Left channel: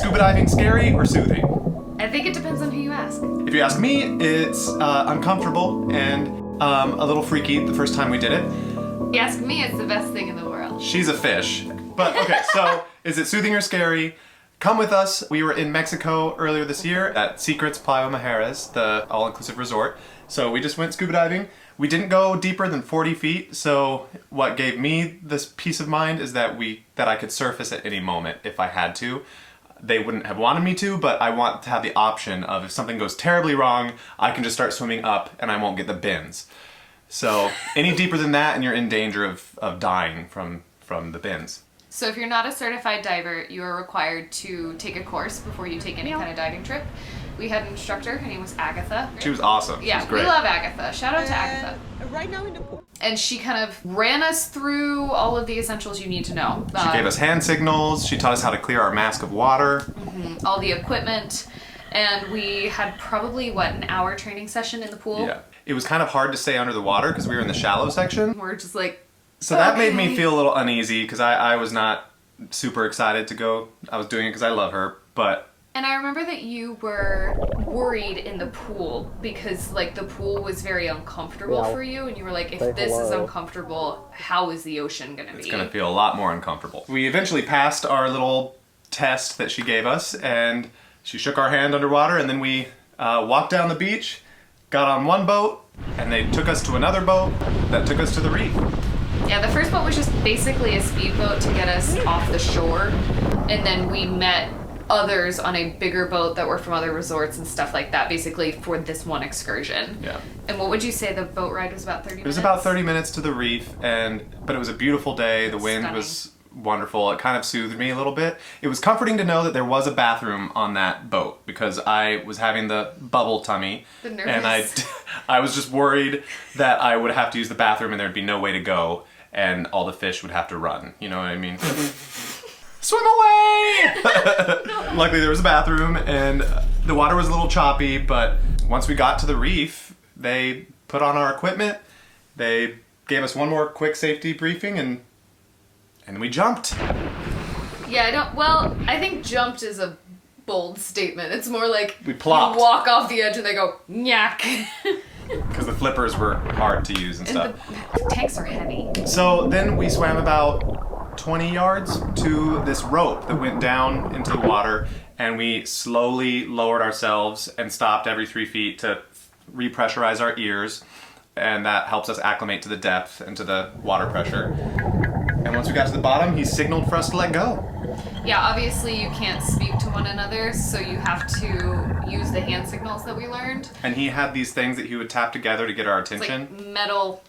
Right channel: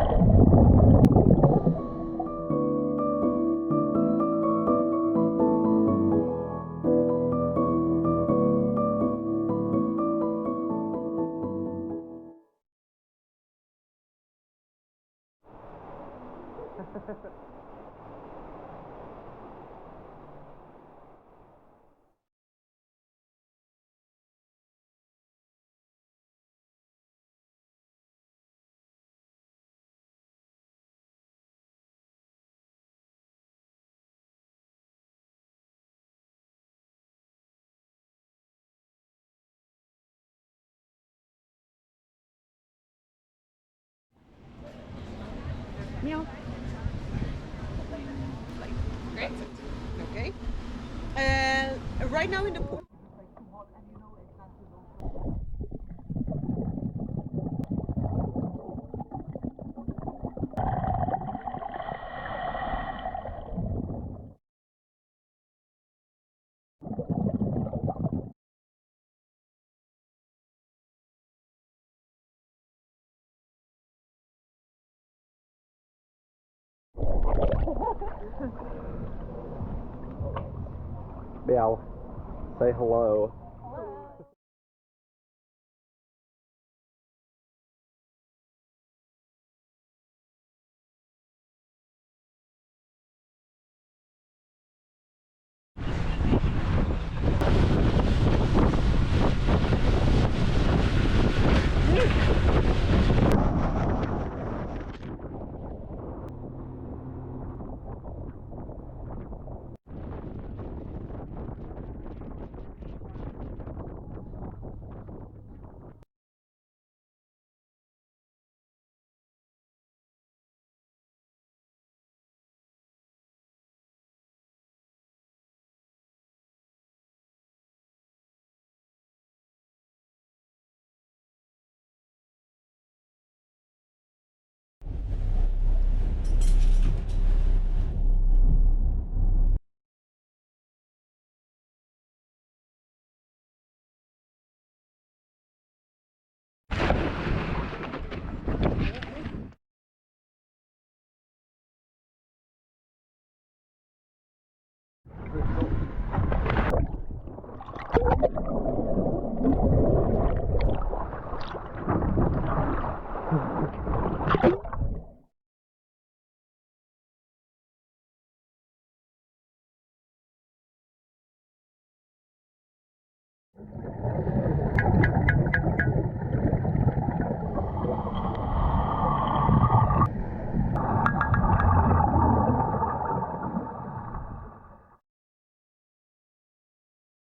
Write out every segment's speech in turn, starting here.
scuba diving scary or soothing? I think it depends on who you ask. If you ask me, it's uncomfortable and a little freaky the first time we did it. If you ask me, it's the best thing in the world. She's a fish. But okay, so is it soothing or scary? Come with us. We were in Mexico earlier this year at Secret's Playa Mujeres, the all-inclusive resort. So we just went scuba diving. We didn't go deeper than 40 feet, so what gave me this peace of mind is that I could surface at any moment if I had to. They wouldn't have wanted me to, but I want to have the option of if something goes terribly wrong, I can just start swimming up and I won't get the bins. So any deeper than that and you're in danger of dying from the bins. So if you're not a certified diver, you are required to take a course before you take any kind of diving trip. We had an instructor, her name was Agatha. Right? She was awesome. Yeah, she was great. We love Agatha. Shout out to Agatha. Right now in the pool. And she kind of ran us through all of the essentials you need to know. She gave us hand signals. She taught us how to clear our mask of water. All the equipment. And we had probably, an hour training session in the pool? Yeah. It was kind of hard to stay under the water because we were in the shallow section. We're just like, so that made me feel a little uneasy because I was not super excited to go. I was doing it because I love her, but... And I remember that you were worried in the pool because, the pool was very uncomfortable for you, and you were like, if this is uncomfortable, how is the ocean going to be? It's going to feel a lot more uncomfortable. We eventually passed our little test that she gave us, and she shook our hand underwater, and then we walked down the beach, got on one boat, and they took us to another boat that took us to the reef. Yeah, the first boat was just basically a speedboat to get us off the shore, and then we met others on a bigger boat that were from other resorts and stuff like that, basically for this one excursion. Yeah. And what would you say the boat ride was about 30 minutes? It was about 30 minutes to the reef, but it was a beautiful day. The wind was wonderful. It kind of soothed me a little bit. It was comforting to know that there was a bathroom on that boat because I was having the bubble tummy. The nervous. And I was just worried that I would have to use the bathroom and there'd be no way to go and all the fish would have to run. You know what I mean? Swim away! Luckily there was a bathroom and the water was a little choppy, but once we got to the reef, they put on our equipment, they gave us one more quick safety briefing and we jumped. Yeah, I think jumped is a bold statement. It's more like we plopped. You walk off the edge and they go, nyak. Because the flippers were hard to use and stuff. The tanks are heavy. So then we swam about 20 yards to this rope that went down into the water, and we slowly lowered ourselves and stopped every 3 feet to repressurize our ears, and that helps us acclimate to the depth and to the water pressure. And once we got to the bottom, he signaled for us to let go. Yeah, obviously you can't speak to one another, so you have to use the hand signals that we learned. And he had these things that he would tap together to get our attention. It's like metal,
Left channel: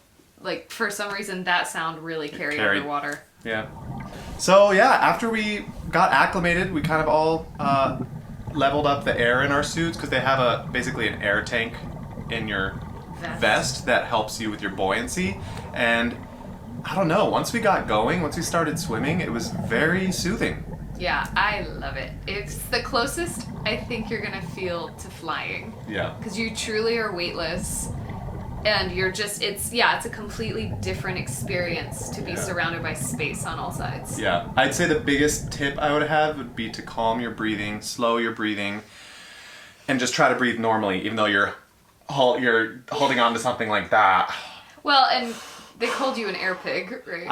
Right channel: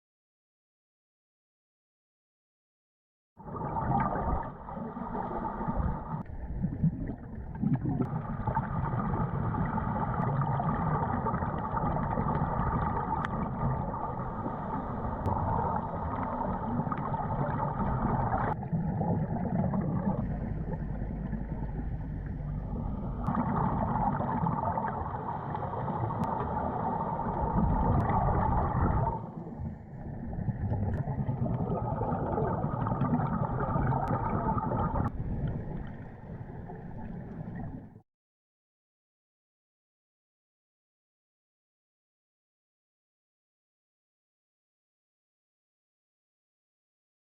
for some reason that sound really carried underwater. Yeah. So yeah, after we got acclimated, we kind of all leveled up the air in our suits because they have basically an air tank in your vest that helps you with your buoyancy. And I don't know, once we got going, once we started swimming, it was very soothing. Yeah, I love it. It's the closest I think you're gonna feel to flying. Yeah. Because you truly are weightless, and you're just, it's a completely different experience to be surrounded by space on all sides. Yeah, I'd say the biggest tip I would have would be to calm your breathing, slow your breathing, and just try to breathe normally, even though you're holding on to something like that. Well, and they called you an air pig, right?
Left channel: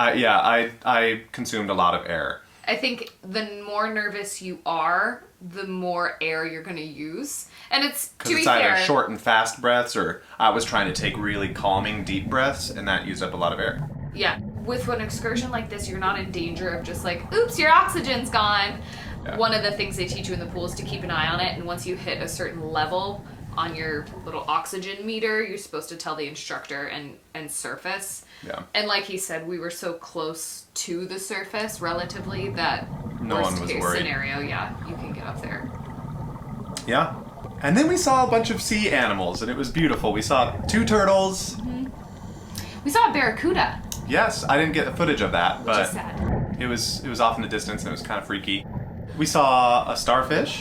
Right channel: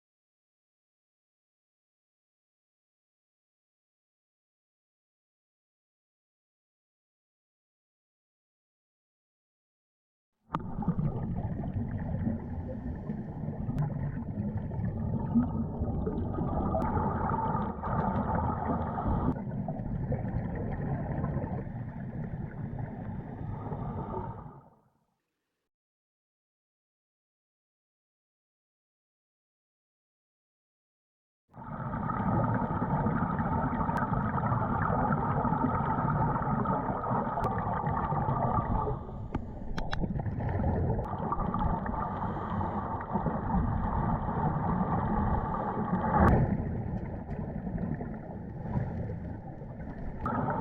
I consumed a lot of air. I think the more nervous you are, the more air you're going to use. And it's, to be fair... Because it's either short and fast breaths, or I was trying to take really calming deep breaths, and that used up a lot of air. Yeah. With an excursion like this, you're not in danger of just oops, your oxygen's gone. Yeah. One of the things they teach you in the pool is to keep an eye on it, and once you hit a certain level on your little oxygen meter, you're supposed to tell the instructor and surface. Yeah. And like he said, we were so close to the surface relatively that worst case worried. Scenario, you can get up there. Yeah. And then we saw a bunch of sea animals, and it was beautiful. We saw 2 turtles. Mm-hmm. We saw a barracuda. Yes, I didn't get the footage of that, but just sad. it was off in the distance, and it was kind of freaky. We saw a starfish.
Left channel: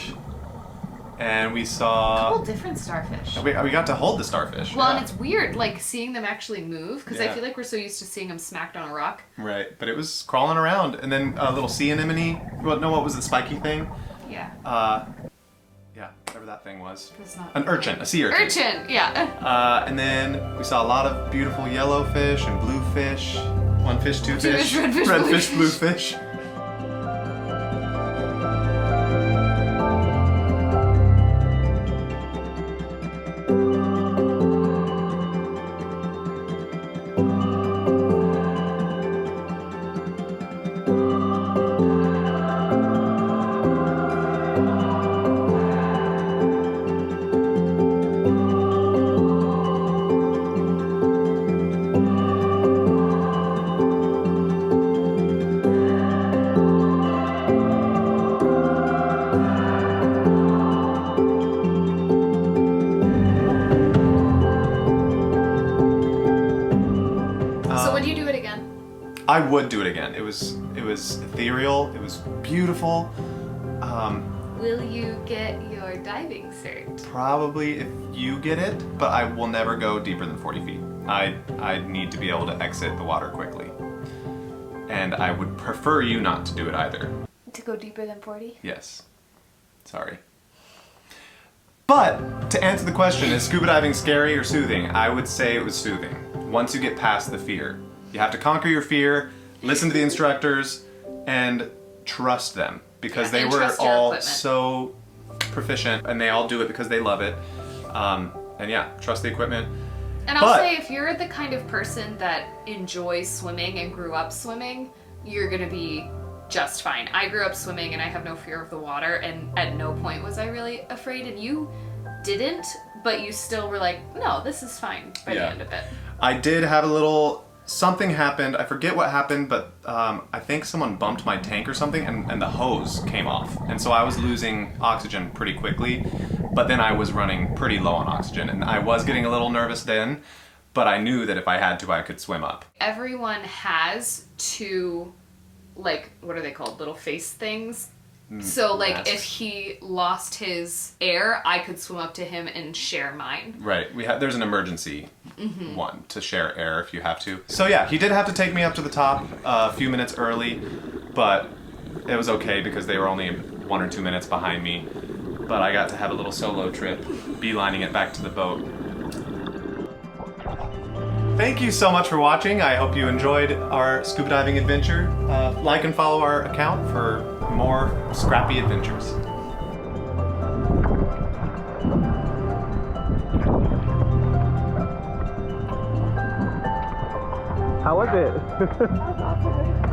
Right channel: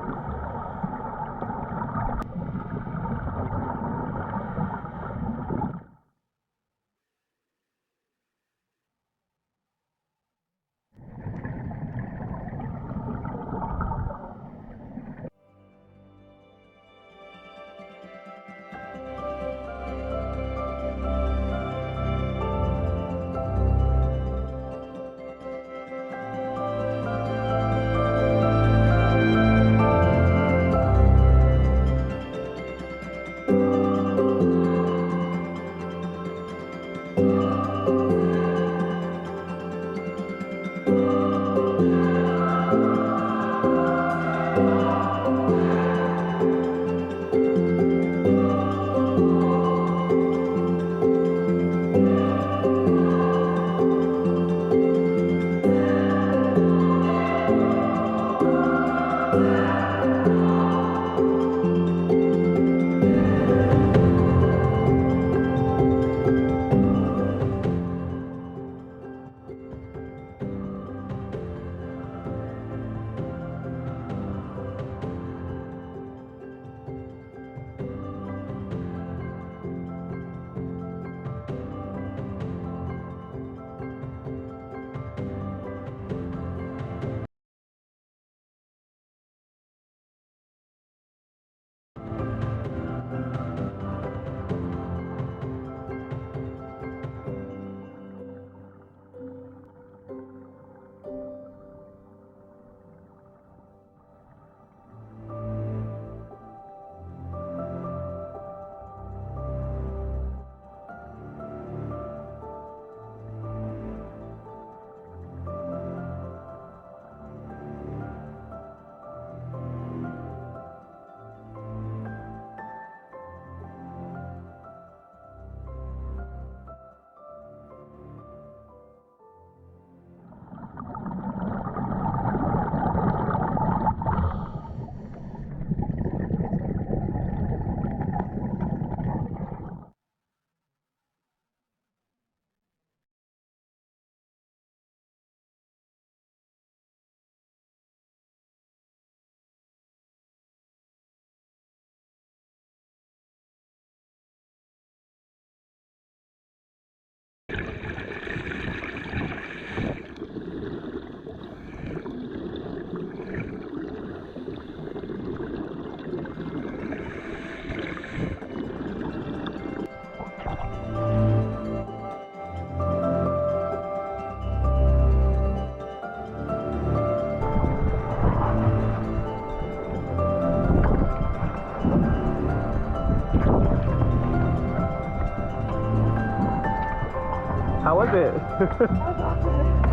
And we saw... a couple different starfish. We got to hold the starfish. Well, and it's weird, seeing them actually move, because I Yeah. feel like we're so used to seeing them smacked on a rock. Right, but it was crawling around. And then a little sea anemone. What was the spiky thing? Yeah. Yeah, whatever that thing was. It's not An urchin, a sea urchin. Urchin, yeah. And then we saw a lot of beautiful yellow fish and blue fish. One fish, two fish. red fish, red blue fish, blue fish. I would do it again. It was ethereal. It was beautiful. Will you get your diving cert? Probably if you get it, but I will never go deeper than 40 feet. I need to be able to exit the water quickly. And I would prefer you not to do it either. To go deeper than 40? Yes. Sorry. But to answer the question, is scuba diving scary or soothing? I would say it was soothing. Once you get past the fear. You have to conquer your fear, listen to the instructors, and trust them. Because they were all so proficient, and they all do it because they love it. And yeah, trust the equipment. And I'll say, if you're the kind of person that enjoys swimming and grew up swimming, you're gonna be just fine. I grew up swimming and I have no fear of the water, and at no point was I really afraid, and you didn't, but you still were like, no, this is fine by the end of it. I did have a little... Something happened, I forget what happened, but I think someone bumped my tank or something, and the hose came off. And so I was losing oxygen pretty quickly, but then I was running pretty low on oxygen, and I was getting a little nervous then, but I knew that if I had to, I could swim up. Everyone has two, like, what are they called? Little face things. So, like, masks. if he lost his air, I could swim up to him and share mine. Right. There's an emergency one to share air if you have to. So yeah, he did have to take me up to the top a few minutes early, but it was okay because they were only 1 or 2 minutes behind me. But I got to have a little solo trip, beelining it back to the boat. Thank you so much for watching. I hope you enjoyed our scuba diving adventure. Like and follow our account for more scrappy adventures. How was it? That was awesome.